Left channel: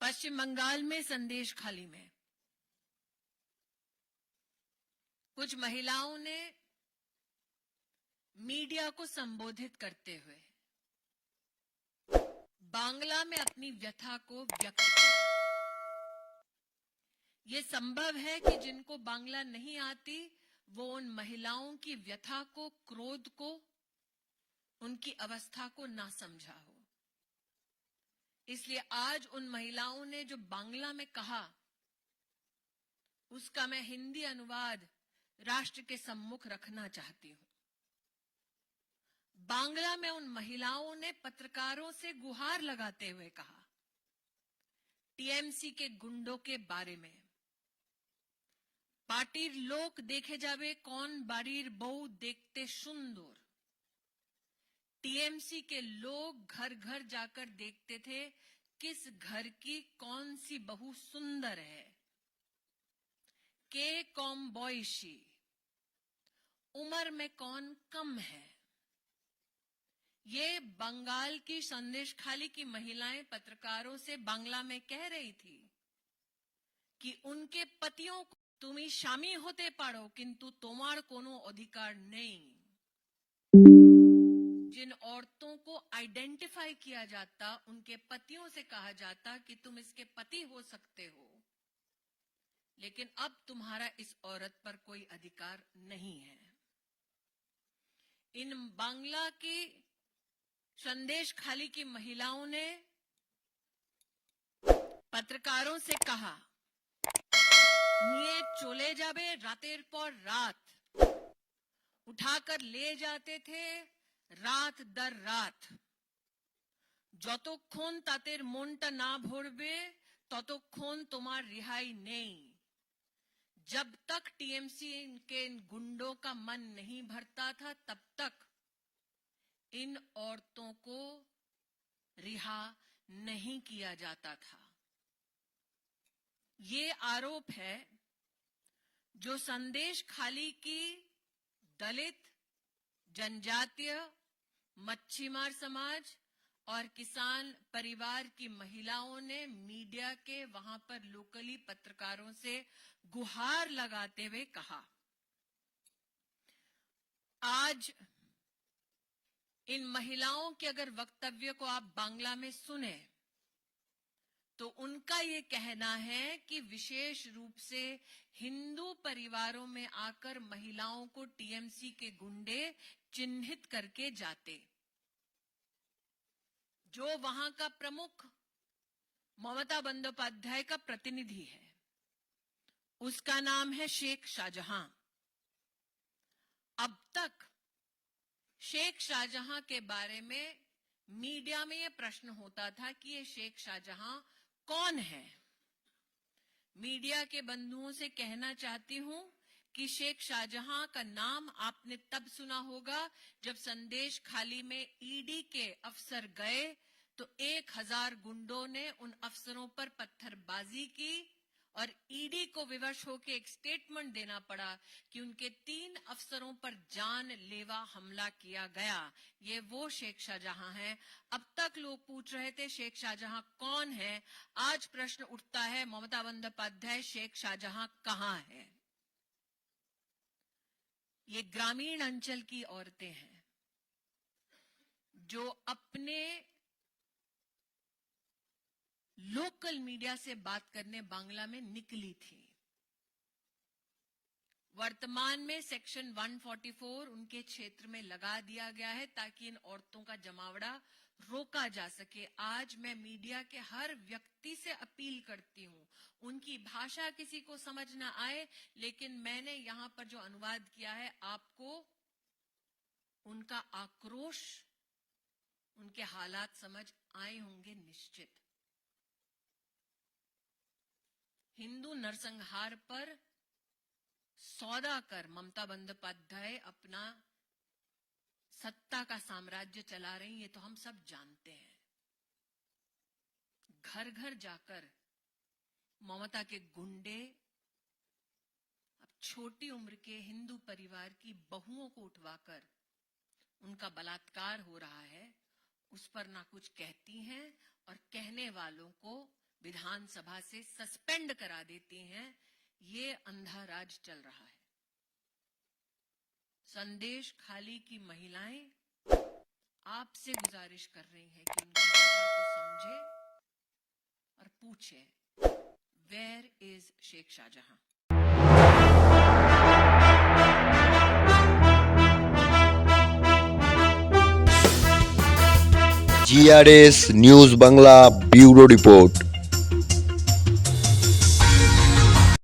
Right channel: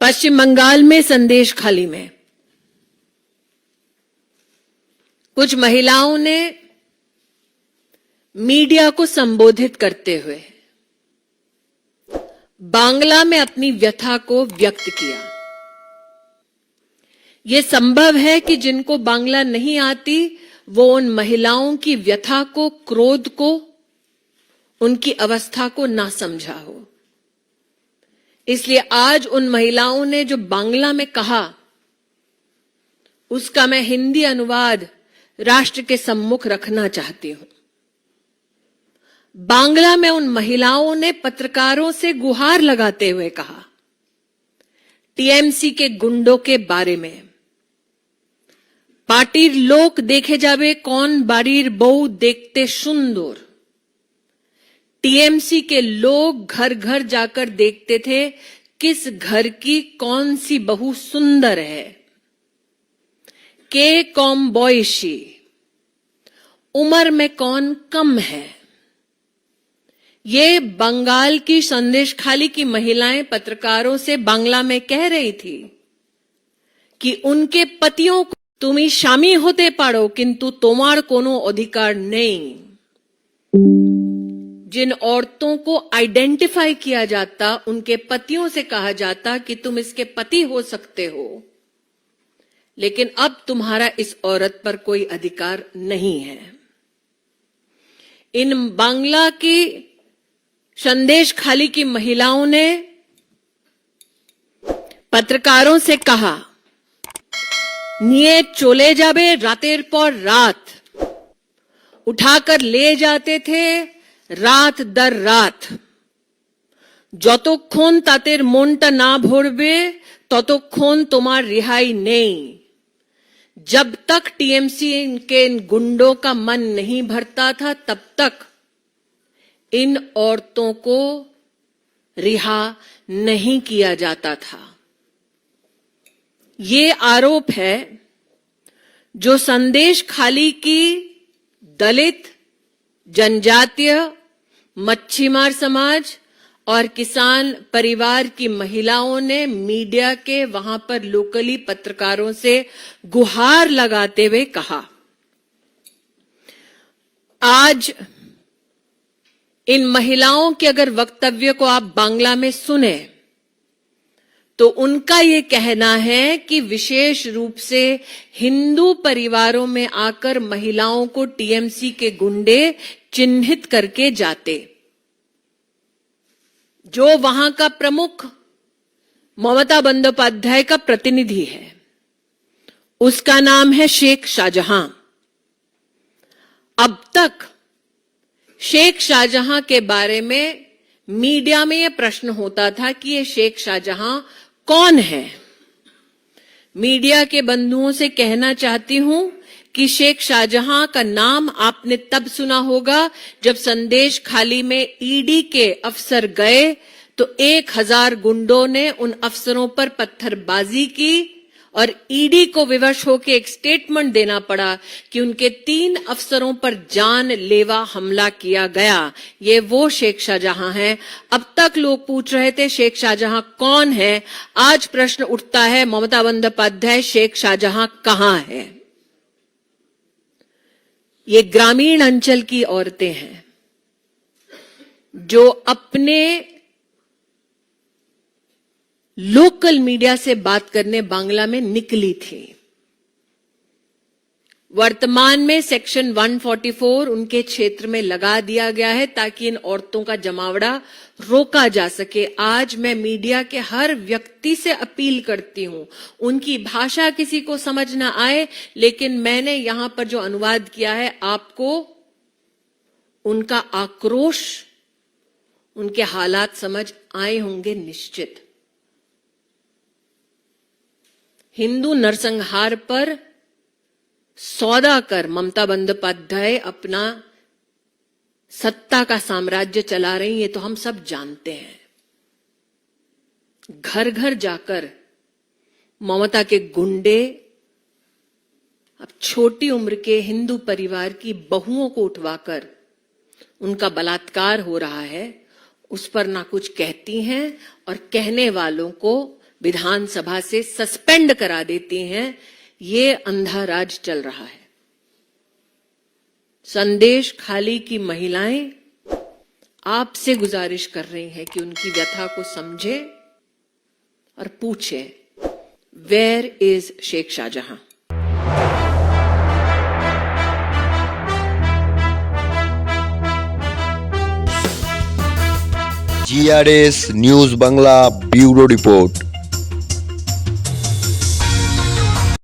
पश्चिम बंगाल में संदेश खाली में कुछ महिलाओं ने मीडिया को संबोधित करते हुए बांग्ला में अपनी व्यथा को व्यक्त किया। यह संभव है कि जिनको बांग्ला नहीं आती वो उन महिलाओं की व्यथा को, क्रोध को, उनकी अवस्था को ना समझा हो। इसलिए आज उन महिलाओं ने जो बांग्ला में कहा उसका मैं हिंदी अनुवाद राष्ट्र के सम्मुख रखना चाहती हूं। बांग्ला में उन महिलाओं ने पत्रकारों से गुहार लगाते हुए कहा, टीएमसी के गुंडों के बारे में, पार्टीर लोक देखे जावे कौन बाड़ीर बहू देखते सुंदर। टीएमसी के लोग घर घर जाकर देखते थे किस घर की कौन सी बहू सुंदर है। के कौम बॉयशी, उम्र में कौन कम है। ये बंगाल की संदेश खाली की महिलाएं पत्रकारों से बांग्ला में कह रही थी कि उनके पतियों को तुमी स्वामी होते पारो किंतु तुम्हार कोनो अधिकार नहीं। जिन औरतों को आइडेंटिफाई किया जाता, उनके पतियों से कहा जाता कि तुम इसके पति हो सकते हो, लेकिन अब तुम्हारा इस औरत पर कोई अधिकार नहीं है। इन बांग्ला की संदेश खाली की महिलाओं ने पत्रकारों से कहा, निये चले जाबे रातेर पर रात, उठाकर ले जाते थे रात दर रात। যতক্ষণ তাদের মনটা না ভরবে ততক্ষণ তোমার रिहाई नहीं। जब तक टीएमसी के इन गुंडों का मन नहीं भरता था तब तक इन औरतों को रिहा नहीं किया जाता था। ये आरोप है जो संदेश खाली की दलित, जनजातीय, मच्छीमार समाज और किसान परिवार की महिलाओं ने मीडिया के वहां पर लोकली पत्रकारों से गुहार लगाते हुए कहा। आज इन महिलाओं के अगर वक्तव्य को आप बांग्ला में सुने तो उनका ये कहना है कि विशेष रूप से हिंदू परिवारों में आकर महिलाओं को टीएमसी के गुंडे चिन्हित करके जाते। जो वहां का प्रमुख ममता बंदोपाध्याय का प्रतिनिधि है, उसका नाम है शेख शाहजहां। अब तक शेख शाहजहां के बारे में मीडिया में यह प्रश्न होता था कि ये शेख शाहजहां कौन है। मीडिया के बंधुओं से कहना चाहती हूं कि शेख शाहजहां का नाम आपने तब सुना होगा जब संदेश खाली में ईडी के अफसर गए तो 1000 गुंडों ने उन अफसरों पर पत्थरबाजी की और ईडी को विवश होकर एक स्टेटमेंट देना पड़ा कि उनके 3 अफसरों पर जानलेवा हमला किया गया। ये वो शेख शाहजहां हैं। अब तक लोग पूछ रहे थे शेख शाहजहां कौन है। आज प्रश्न उठता है, ममता बंदोपाध्याय शेख शाहजहां कहां है। ये ग्रामीण अंचल की औरतें हैं जो अपने लोकल मीडिया से बात करने बांग्ला में निकली थी। वर्तमान में सेक्शन 144 उनके क्षेत्र में लगा दिया गया है ताकि इन औरतों का जमावड़ा रोका जा सके। आज मैं मीडिया के हर व्यक्ति से अपील करती हूं, उनकी भाषा किसी को समझ ना आए, लेकिन मैंने यहां पर जो अनुवाद किया है आपको उनका आक्रोश, उनके हालात समझ आए होंगे निश्चित। हिंदू नरसंहार पर सौदा कर ममता बंदोपाध्याय अपना सत्ता का साम्राज्य चला रही है, तो हम सब जानते हैं। घर घर जाकर ममता के गुंडे अब छोटी उम्र के हिंदू परिवार की बहुओं को उठवाकर उनका बलात्कार हो रहा है, उस पर ना कुछ कहती हैं और कहने वालों को विधानसभा से सस्पेंड करा देती हैं, ये अंधा राज चल रहा है। संदेश खाली की महिलाएं आपसे गुजारिश कर रही हैं कि उनकी व्यथा को समझे और पूछे, where is Sheikh Shahjahan? GRS news Bangla bureau report.